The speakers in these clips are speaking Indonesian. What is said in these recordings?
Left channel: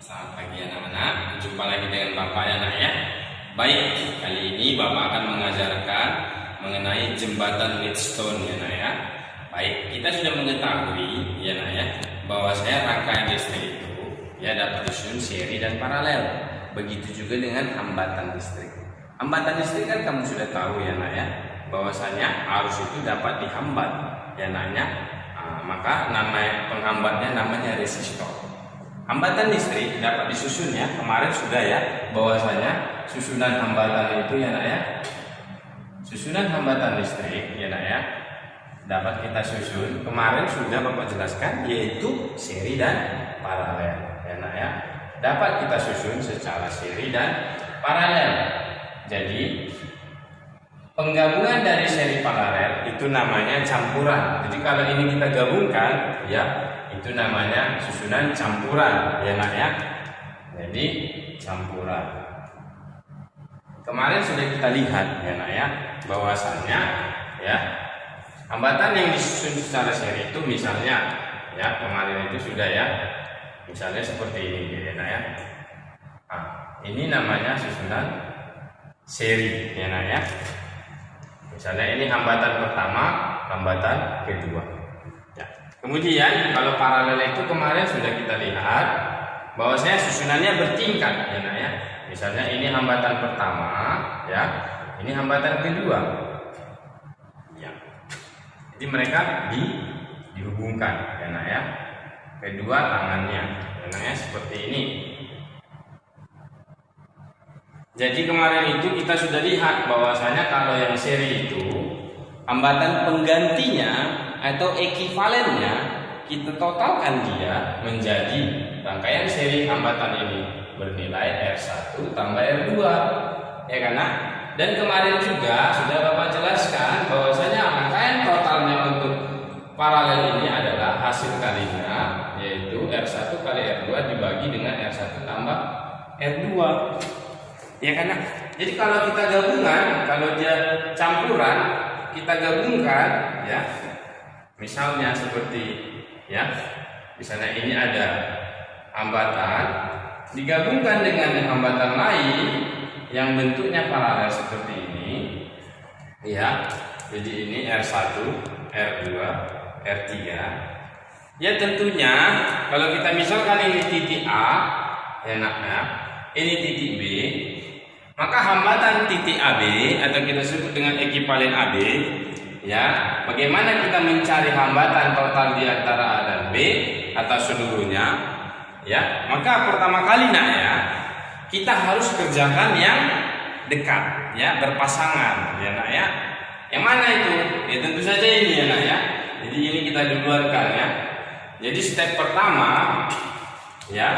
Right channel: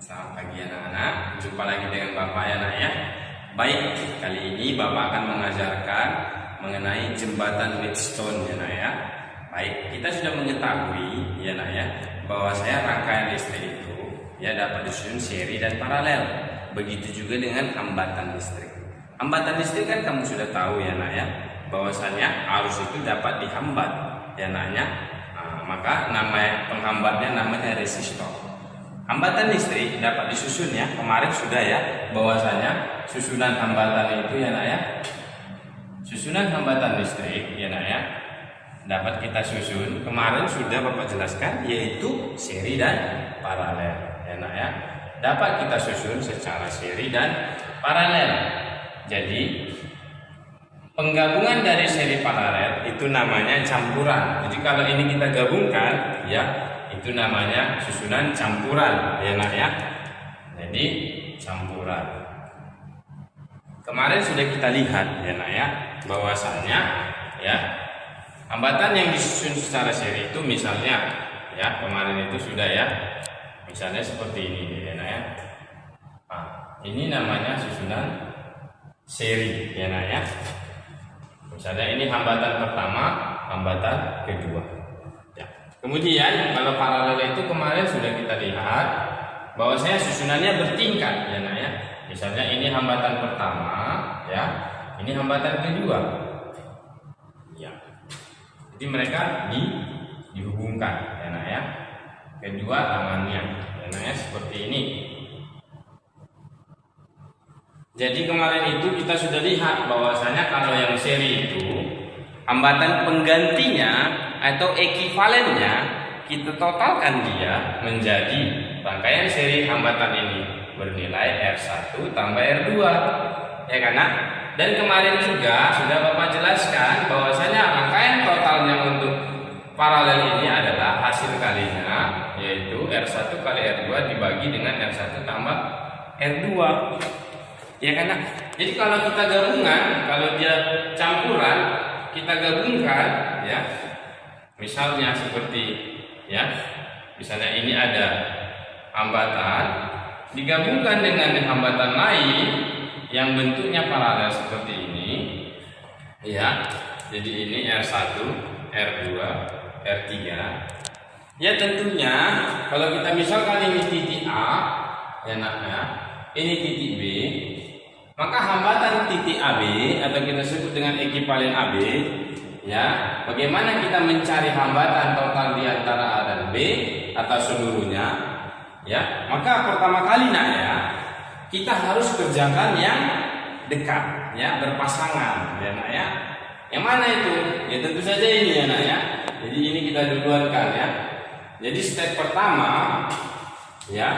Selamat pagi anak-anak, jumpa lagi dengan Bapak ya nak ya. Baik, kali ini Bapak akan mengajarkan mengenai jembatan Leadstone ya nak ya. Baik, kita sudah mengetahui ya nak ya, bahwa rangkaian listrik itu ya dapat disusun seri dan paralel. Begitu juga dengan hambatan listrik. Hambatan listrik kan kamu sudah tahu ya nak ya, bahwasanya arus itu dapat dihambat ya naknya. Maka nama penghambatnya namanya resistor. Hambatan listrik dapat disusun ya, kemarin sudah ya, bahwasanya susunan hambatan itu ya nak ya, susunan hambatan listrik ya nak ya, dapat kita susun, kemarin sudah Bapak jelaskan, yaitu seri dan paralel ya nak ya, dapat kita susun secara seri dan paralel. Jadi penggabungan dari seri paralel itu namanya campuran. Jadi kalau ini kita gabungkan ya, itu namanya susunan campuran ya nak ya. Jadi campuran. Kemarin sudah kita lihat ya nak ya, bahwasanya ya hambatan yang disusun secara seri itu misalnya ya, kemarin itu sudah ya, misalnya seperti ini ya nak ya. Ini namanya susunan seri ya nak ya. Misalnya ini hambatan pertama, hambatan kedua. Kemudian kalau paralel itu kemarin sudah kita lihat bahwasanya susunannya bertingkat ya nak ya. Misalnya ini hambatan pertama ya, ini hambatan kedua. Ya. Jadi mereka dihubungkan ya nak ya. Kedua tangannya ya nak ya, seperti ini. Jadi kemarin itu kita sudah lihat bahwasanya kalau yang seri itu hambatan penggantinya atau ekivalennya kita totalkan dia menjadi rangkaian seri hambatan ini bernilai R1 tambah R2 ya kan nak? Dan kemarin juga sudah Bapak jelaskan bahwasanya rangkaian totalnya untuk paralel ini adalah hasil kalinya, yaitu R1 kali R2 dibagi dengan R1 tambah R2 ya kan nak? Jadi kalau kita gabungan, kalau dia campuran, kita gabungkan ya, misalnya seperti ya, misalnya ini ada hambatan digabungkan dengan hambatan lain yang bentuknya paralel seperti ini ya. Jadi ini R1, R2, R3 ya. Tentunya kalau kita misalkan ini titik A ya nak ya, ini titik B, maka hambatan titik AB atau kita sebut dengan ekivalen AB ya, bagaimana kita mencari hambatan total di antara A dan B atau seluruhnya ya. Maka pertama kali nak ya, kita harus kerjakan yang dekat ya, berpasangan ya nak ya. Yang mana itu? Ya tentu saja ini ya nak ya. Jadi ini kita duluankan ya. Jadi step pertama ya,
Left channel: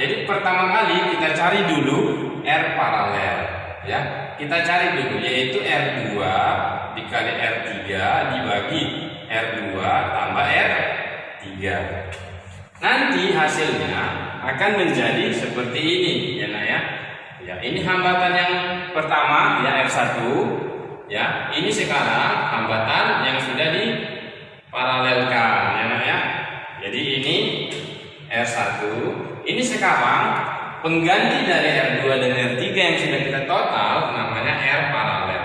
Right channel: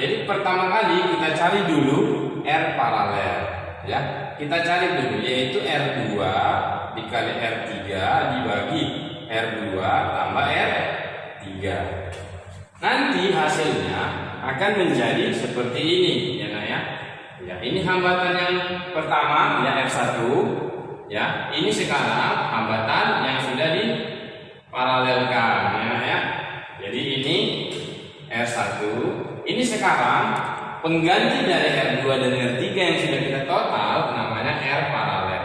jadi pertama kali kita cari dulu R paralel ya. Kita cari dulu, yaitu R2 dikali R3 dibagi R2 tambah R3. Nanti hasilnya akan menjadi seperti ini ya nak ya. Ya, ini hambatan yang pertama ya, R1 ya. Ini sekarang hambatan yang sudah diparalelkan ya nak ya. Jadi ini R1, ini sekarang pengganti dari R2 dan R3 yang sudah kita total namanya R paralel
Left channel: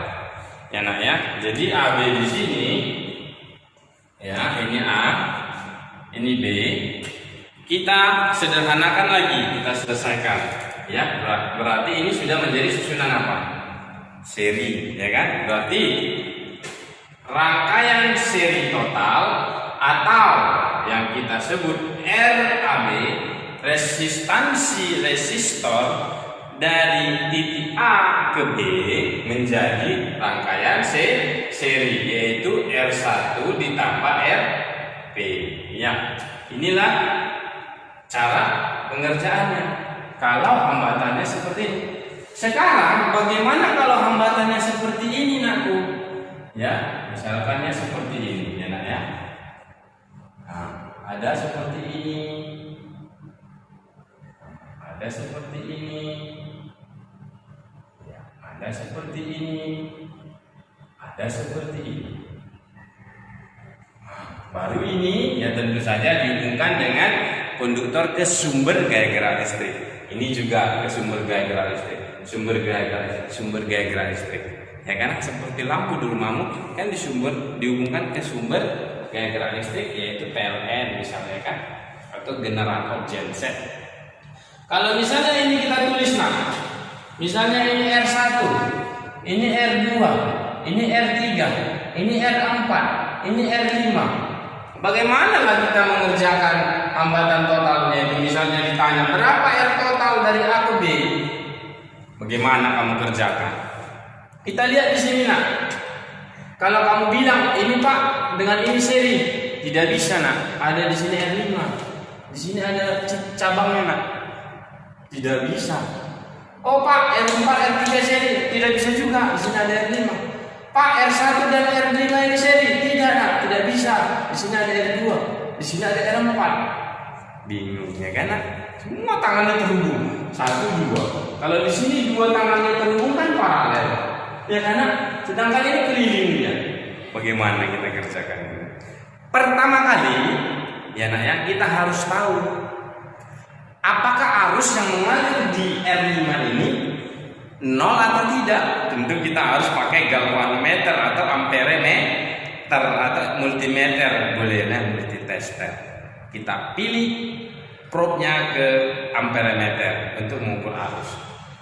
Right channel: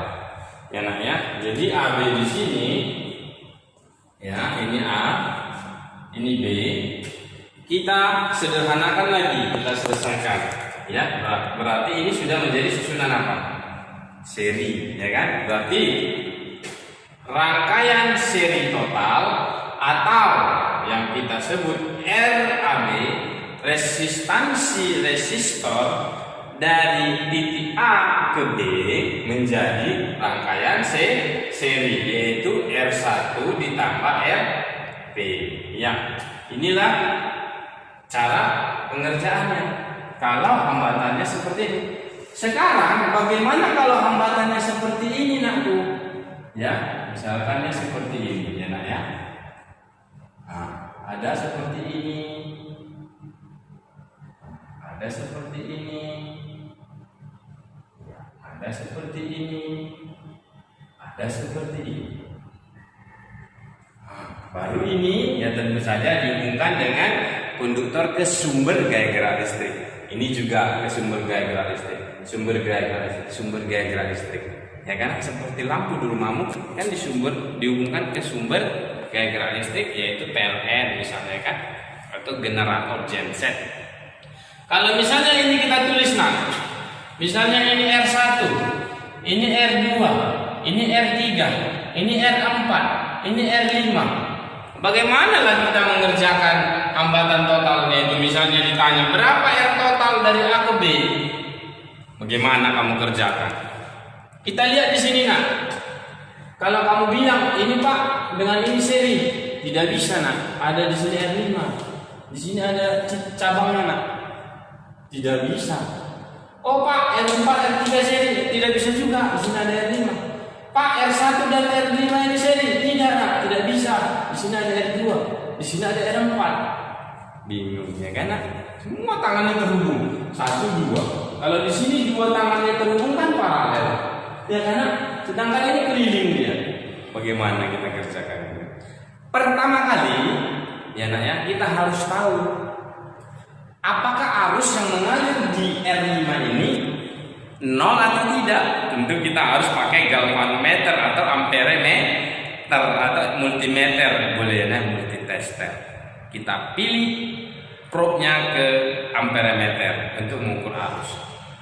ya nak ya. Jadi AB di sini ya, ini A, ini B. Kita sederhanakan lagi, kita selesaikan ya. Berarti ini sudah menjadi susunan apa? Seri ya kan? Berarti rangkaian seri total atau yang kita sebut RAB, resistansi resistor dari titik A ke B menjadi rangkaian seri, yaitu R1 ditambah RP ya. Inilah cara pengerjaannya kalau hambatannya seperti ini. Sekarang bagaimana kalau hambatannya seperti ini nakku ya, misalkannya seperti ini ya nak ya. Ada seperti ini, ada seperti ini ya, ada seperti ini, ada seperti ini. Baru ini ya tentu saja dihubungkan dengan konduktor ke sumber gaya gerak listrik. Ini juga ke sumber gaya gerak listrik, sumber gaya gerak listrik. Ya kan, seperti lampu di rumahmu kan dihubungkan ke sumber gaya gerak listrik, yaitu PLN misalnya kan, atau generator genset. Kalau misalnya ini kita tulis misalnya ini R1, ini R2, ini R3, ini R4, ini R5. Bagaimana lah kita mengerjakan hambatan totalnya itu? Misalnya ditanya berapa R total dari A ke B, bagaimana kamu kerjakan? Kita lihat di sini Kalau kamu bilang ini Pak dengan ini seri, tidak bisa Ada di sini R5, di sini ada cabangnya tidak bisa. Oh Pak R4 R3 seri, tidak bisa juga. Di sini ada R5. Pak R1 dan R5 ini seri, tidak bisa. Di sini ada R2, di sini ada R4. Bingung ya kan Semua tangannya terhubung, 1, 2. Kalau di sini 2 tangannya terhubung kan paralel. Ya karena sedangkan ini keliling dia. Bagaimana kita kerjakan itu? Pertama kali ya kita harus tahu apakah arus yang mengalir di R5 ini 0 atau tidak. Tentu kita harus pakai galvanometer atau amperemeter atau multimeter, boleh multitester. Kita pilih probe-nya ke amperemeter untuk mengukur arus.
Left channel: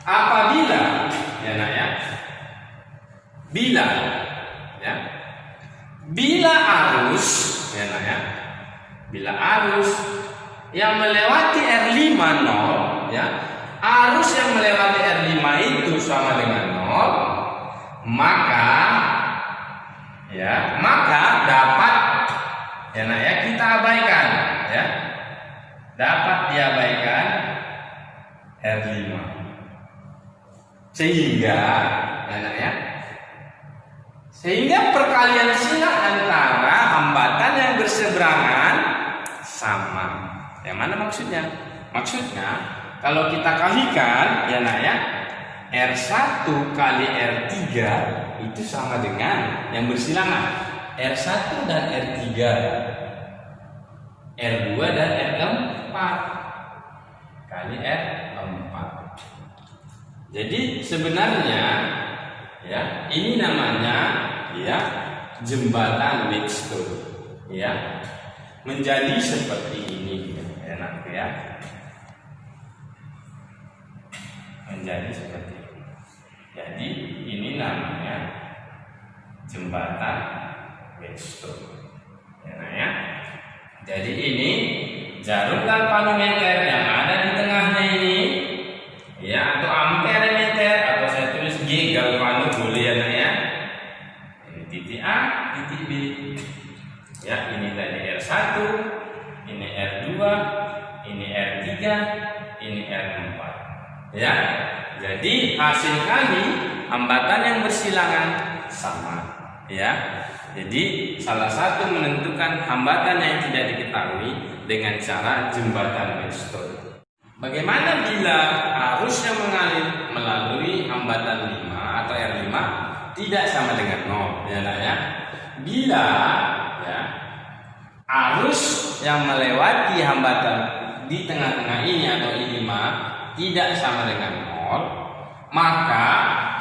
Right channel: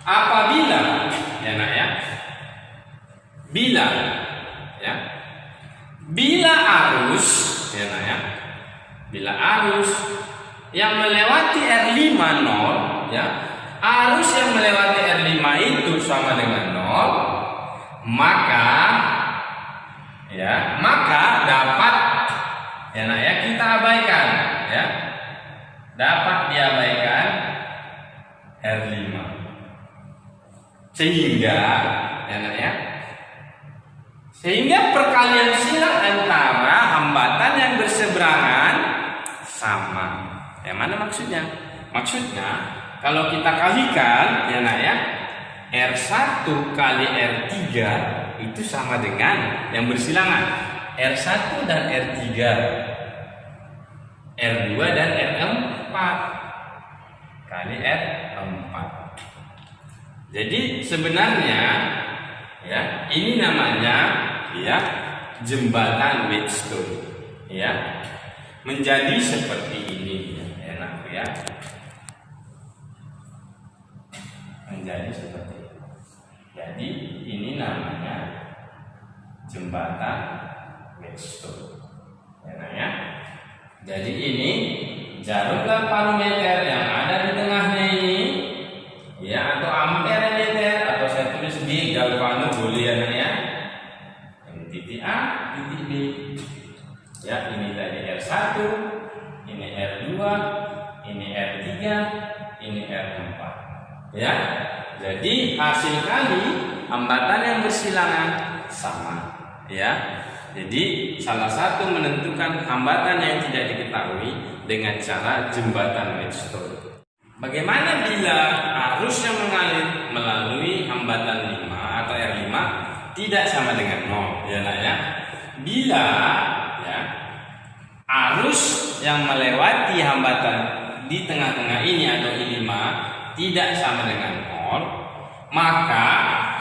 Apabila bila arus bila arus yang melewati R5 0 arus yang melewati R5 itu sama dengan 0, maka dapat kita abaikan dapat diabaikan R5, sehingga perkalian silang antara hambatan yang berseberangan sama. Yang mana maksudnya? Maksudnya kalau kita kalikan R1 kali R3 itu sama dengan yang bersilangan R1 dan R3, R2 dan R4 kali R4. Jadi sebenarnya ini namanya jembatan Wheatstone menjadi seperti ini menjadi seperti ini. Jadi ini namanya jembatan Wheatstone Jadi ini jarum galvanometer yang ada di tengahnya ini atau amperemeter, atau saya tulis G galvano boleh ini titik A, titik B. Ini tadi R1, ini R2, ini R3, ini R4. Jadi hasil kali hambatan yang bersilangan sama. Jadi salah satu menentukan hambatan yang tidak diketahui dengan cara jembatan Wheatstone. Bagaimana bila arus yang mengalir melalui hambatan 5 atau R5 tidak sama dengan 0 Bila arus yang melewati hambatan di tengah-tengah ini atau I5 tidak sama dengan 0, maka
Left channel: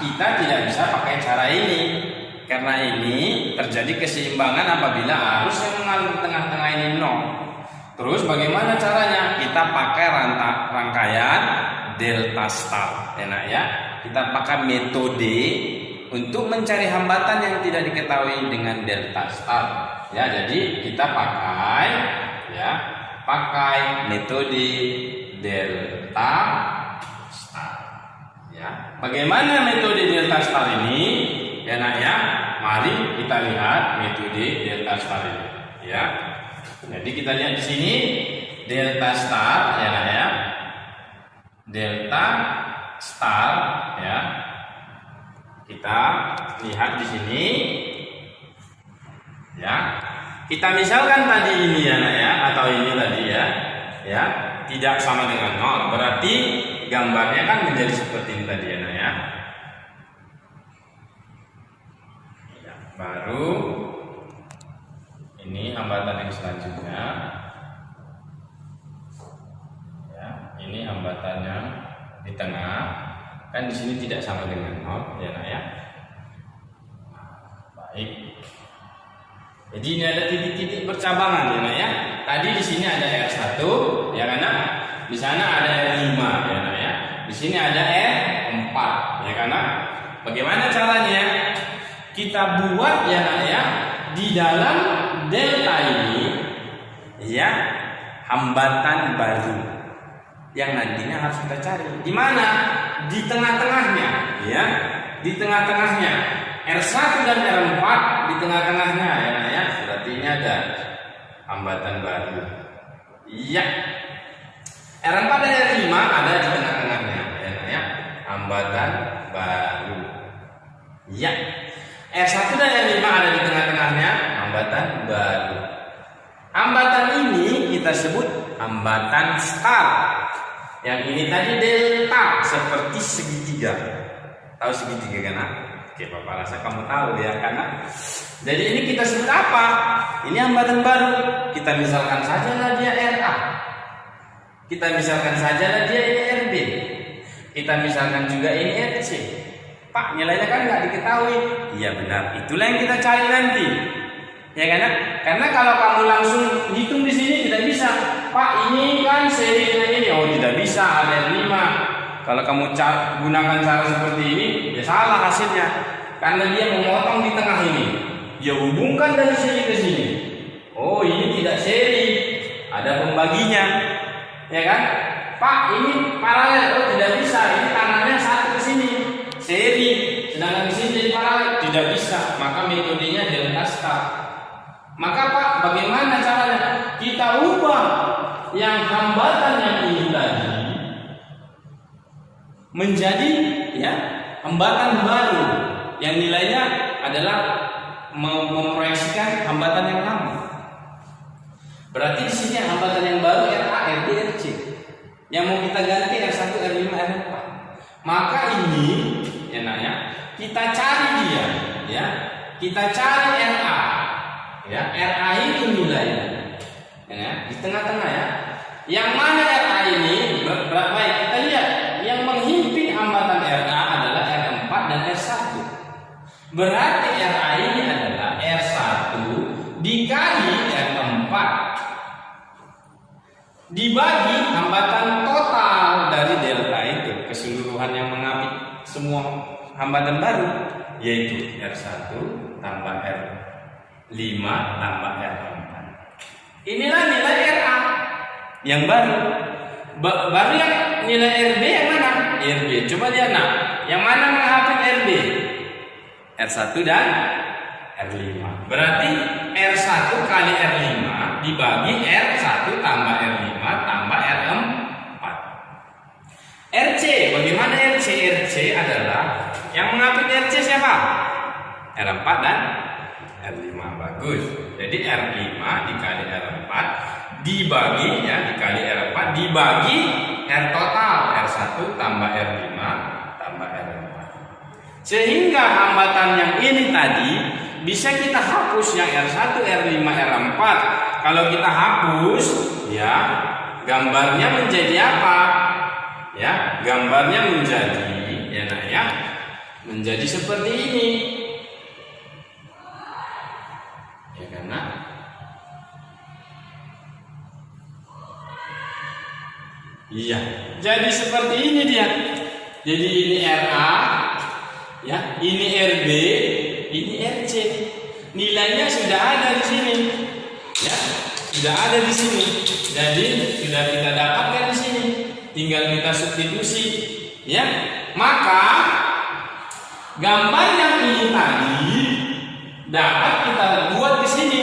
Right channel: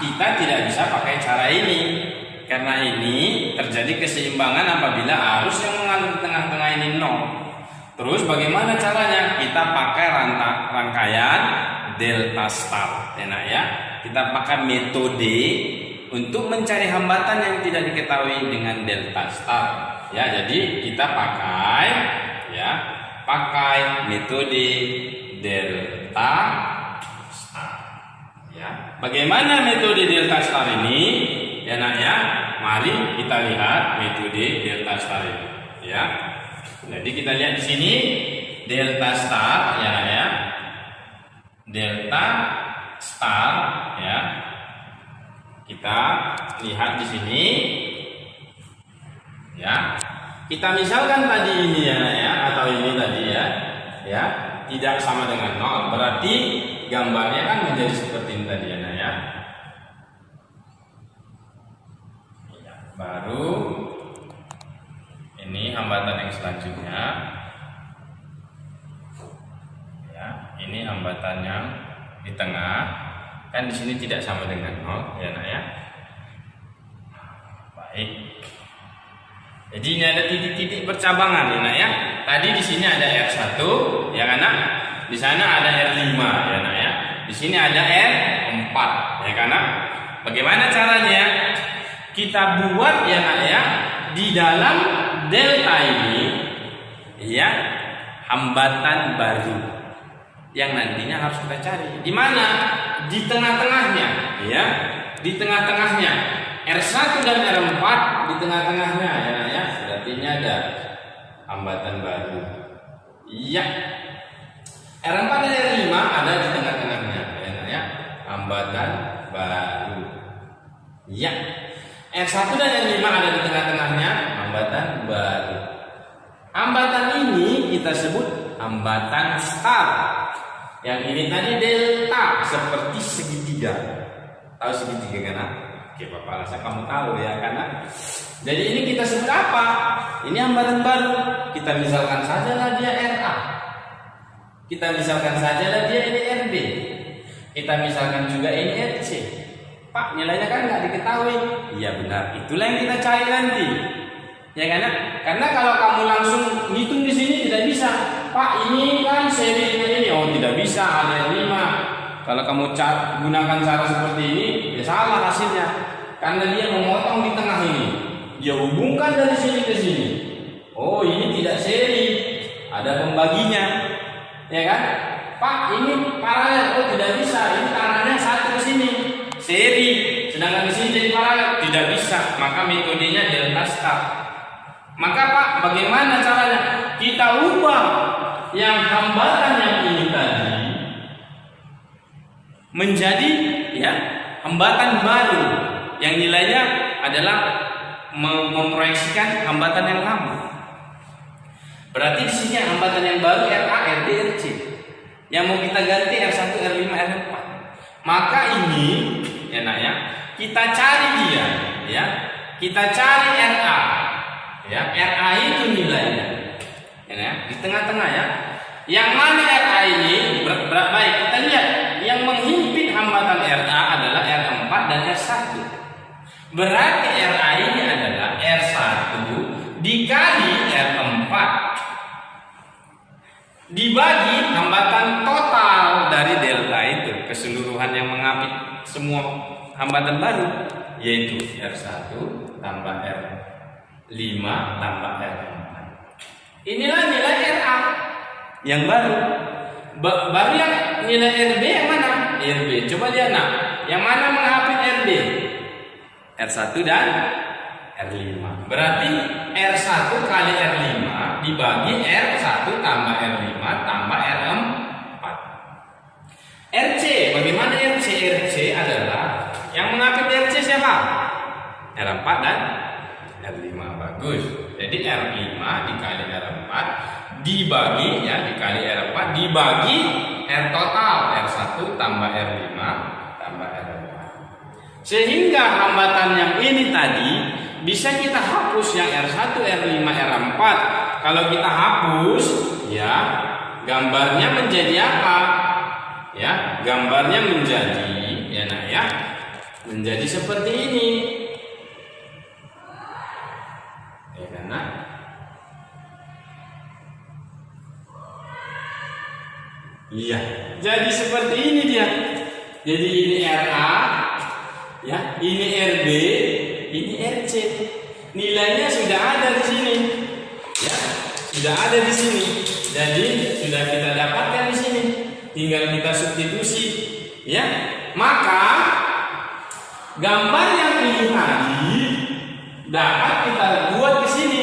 kita tidak bisa pakai cara ini. Karena ini terjadi keseimbangan apabila arus yang mengalir di tengah-tengah ini 0. Terus bagaimana caranya? Kita pakai rangkaian delta star Kita pakai metode untuk mencari hambatan yang tidak diketahui dengan delta star. Jadi kita pakai metode delta star. Bagaimana metode delta star ini? Mari kita lihat metode delta star ini. Jadi kita lihat di sini delta star delta star kita lihat di sini kita misalkan tadi ini atau ini tadi tidak sama dengan 0, berarti gambarnya kan menjadi seperti ini tadi baru ini hambatan yang selanjutnya ini hambatan yang di tengah, kan di sini tidak sama dengan 0 ya nak ya. Baik. Jadi ini ada titik-titik percabangan ya nak ya. Tadi di sini ada R1 ya kan nak. Di sana ada R5 ya nak ya. Di sini ada R4 ya kan nak. Bagaimana caranya? Kita buat ya nak ya, di dalam delta ini ya hambatan baru yang nantinya harus kita cari. Di mana? Di tengah-tengahnya ya. Di tengah-tengahnya. R1 dan R4 di tengah-tengahnya ya nak ya. Berarti ini ada hambatan baru. Iya. R4 dan R5 ada di tengah-tengahnya ya nak ya. Hambatan baru. Iya. R1 dan R5 ada di tengah-tengahnya, hambatan baru. Hambatan ini kita sebut hambatan start. Yang ini tadi delta, seperti segitiga. Tahu segitiga kan? Oke, Bapak rasa kamu tahu ya kan? Jadi ini kita sebut apa? Ini hambatan baru. Kita misalkan saja dia RA. Kita misalkan saja dia ini RB. Kita misalkan juga ini RC. Pak, nilainya kan nggak diketahui. Iya benar, itulah yang kita cari nanti. Ya kan? Karena kalau kamu langsung hitung di sini tidak bisa. Pak, ini kan serinya ini. Oh, tidak bisa, ada 5. Kalau kamu gunakan cara seperti ini, ya salah hasilnya. Karena dia memotong di tengah ini. Dia hubungkan dari sini ke sini. Oh, ini tidak seri. Ada pembaginya. Ya kan? Pak, ini paralel. Oh, tidak bisa. Ini tangannya satu ke sini. Seri, sedangkan di sini jadi paralel, tidak bisa. Maka metodenya delta start. Maka Pak, bagaimana caranya? Kita ubah yang hambatan yang ini tadi menjadi ya hambatan baru yang nilainya adalah memproyeksikan hambatan yang lama. Berarti di sini hambatan yang baru RA, RD, RC. Yang mau kita ganti R1, R5, R4. Maka ini ya nak ya, kita cari dia ya. Kita cari RA. Ya, RA itu nilainya. Ya, di tengah-tengah ya. Yang mana RA ini baik kita lihat yang menghimpit hambatan RA adalah R4 dan R1. Berarti RA ini adalah R1 dikali R4 dibagi hambatan total dari delta itu, keseluruhan yang mengapit semua hambatan baru, yaitu R1 tambah R5 tambah R4. Inilah nilai RA yang baru. Baru yang nilai RB yang mana? RB. Coba lihat nak, yang mana menghapit RB? R1 dan R5. Berarti R1 kali R5 dibagi R1 tambah R5 tambah R4. RC, bagaimana RC? RC adalah yang mengapit RC siapa? R4 dan R5. Bagus. Jadi R5 dikali R4 dibagi ya, dikali R4 dibagi R total, R1 tambah R5 tambah R4. Sehingga hambatan yang ini tadi bisa kita hapus yang R1, R5, R4. Kalau kita hapus ya, gambarnya menjadi apa? Ya, gambarnya menjadi ya nak ya, menjadi seperti ini. Ya kan nak? Iya, jadi seperti ini dia. Jadi ini RA, ya, ini RB, ini RC. Nilainya sudah ada di sini, ya, sudah ada di sini. Jadi sudah kita dapatkan di sini. Tinggal kita substitusi, ya. Maka gambar yang ini tadi dapat kita buat di sini,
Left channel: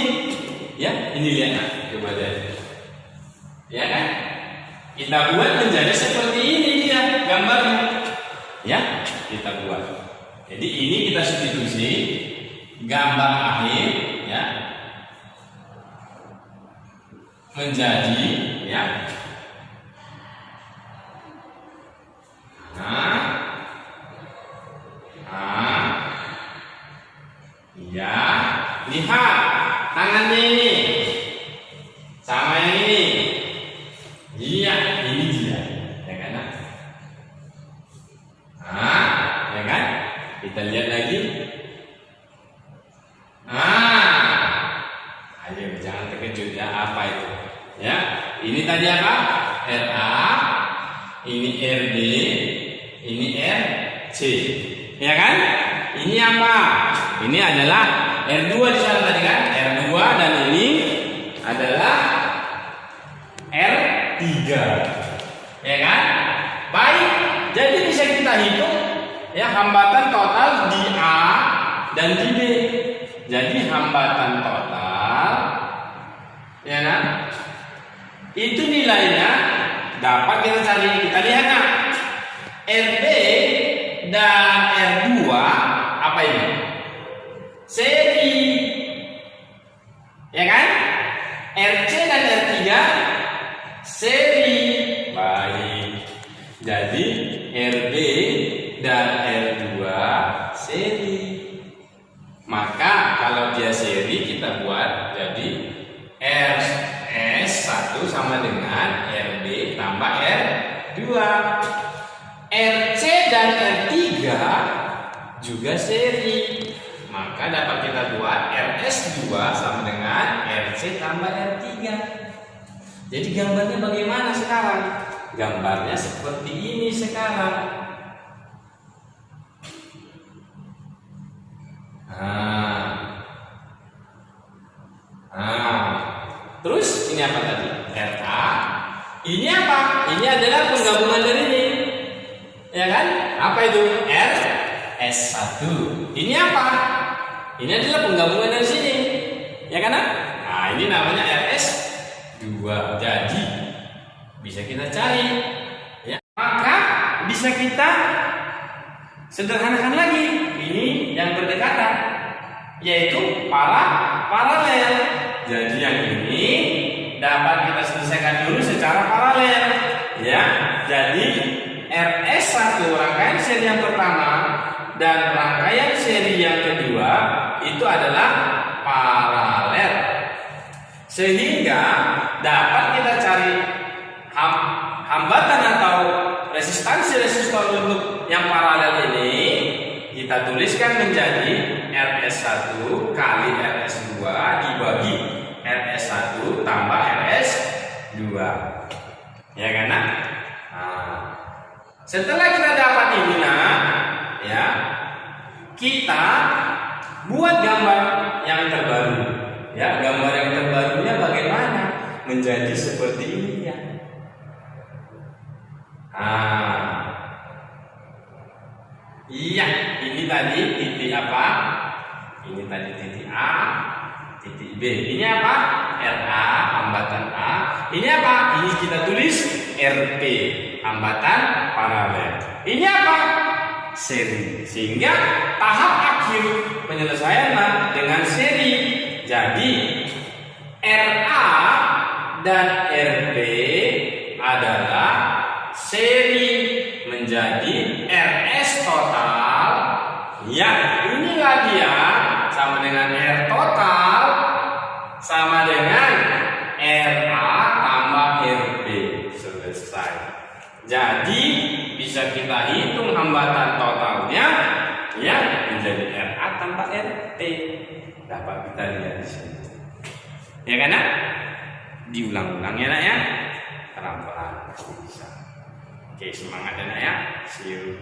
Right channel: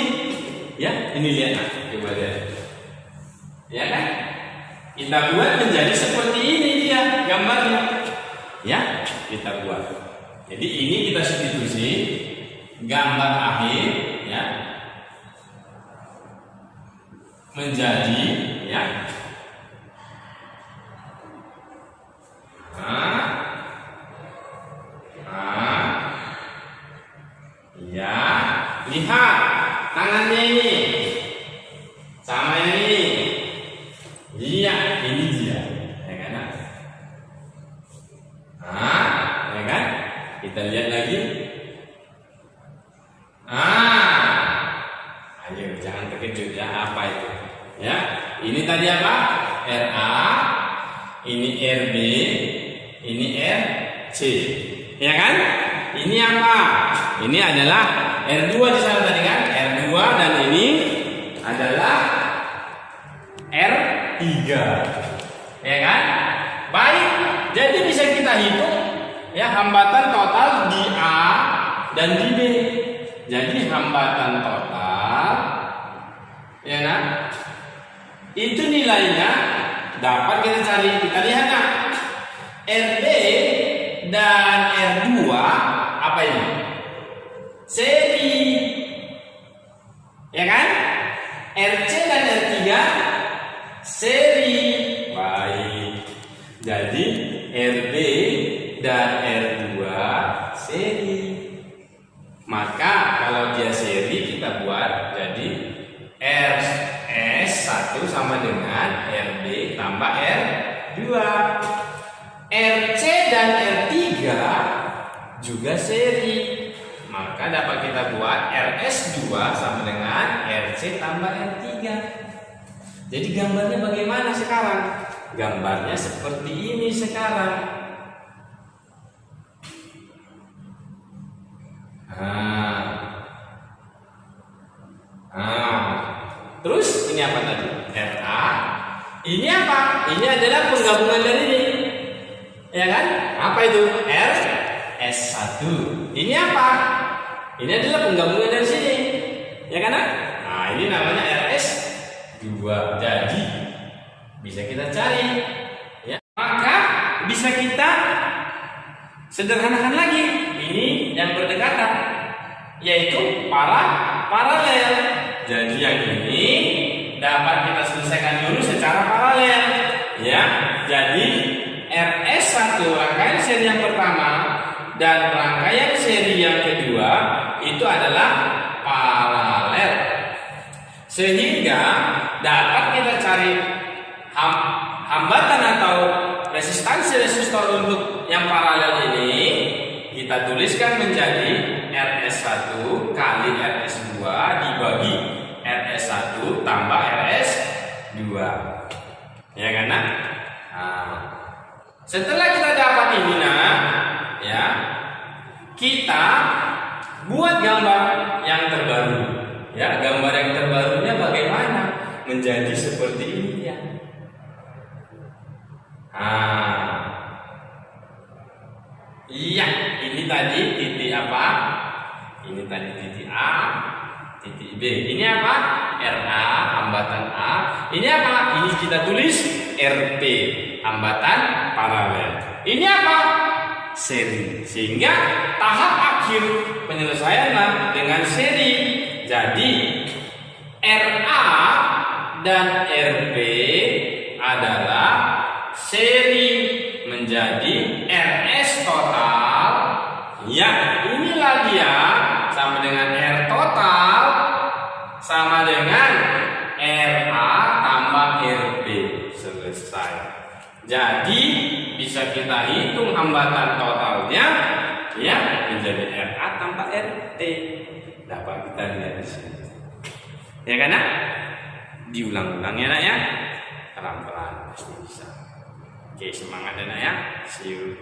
ya. Ini lihat, coba lihat, ya kan? Kita buat menjadi seperti ini dia gambarnya, ya. Kita buat. Jadi ini kita substitusi gambar akhir, ya, menjadi, ya. Ya, lihat tangannya ini sama yang ini. Iya, ini dia. Kita lihat lagi. Ayo jangan terkejut ya, apa itu? Ya, ini tadi apa? RA, ini RB, ini RC. Ya kan? Ini apa? Ini adalah R2 di sana tadi kan? R2 dan ini adalah R3. Ya kan? Baik, jadi bisa kita hitung ya hambatan total di A dan di B. Jadi hambatan total ya kan? Itu nilainya dapat kita cari. Kita lihat nah. RB dan R2 apa ini? Seri. Ya kan? RC dan R3 seri. Baik. Jadi RB dan R2 seri. Maka kalau dia seri kita buat jadi RS1 sama dengan RB tambah R2. RC dan R3 juga seri. Maka dapat kita buat RS2 sama dengan RC tambah R3. Jadi gambarnya bagaimana sekarang? Gambarnya seperti ini sekarang. Terus ini apa tadi? RA. Ini apa? Ini adalah penggabungan dari ini. Ya kan? Apa itu? RS1. Ini apa? Ini adalah penggabungan dari sini. Ya kan? Nah, ini namanya RS2. Jadi bisa kita cari. Ya. Maka bisa kita sederhanakan lagi. Ini yang berdekatan, yaitu paralel. Jadi yang ini dapat kita selesaikan dulu secara paralel. Ya. Jadi RS1 rangkaian seri yang pertama dan rangkaian seri yang kedua itu adalah paralel. Sehingga dapat kita cari hambatan atau resistansi resistor untuk yang paralel ini kita tuliskan menjadi RS1 kali RS2 dibagi RS1 tambah RS2. Ya kan? Nah, setelah kita dapat ini ya, kita buat gambar yang terbaru. Ya, gambar yang terbarunya bagaimana? Menjadi seperti ini ya. Iya, ini tadi titik apa? Ini tadi titik A, titik B. Ini apa? RA, hambatan A. Ini apa? Ini kita tulis RP, hambatan paralel. Ini apa? Seri. Sehingga tahap akhir penyelesaian dengan seri. Jadi RA dan RB adalah seri menjadi RS total. Ya, inilah dia sama dengan R total sama dengan RA tambah RB. Selesai. Jadi bisa kita hitung hambatan totalnya ya menjadi RA tambah RT. Dapat kita lihat di sini. Ya kan ya? Diulang-ulang ya nak ya. Pelan-pelan pasti bisa. Oke, semangat ya nak ya. See you.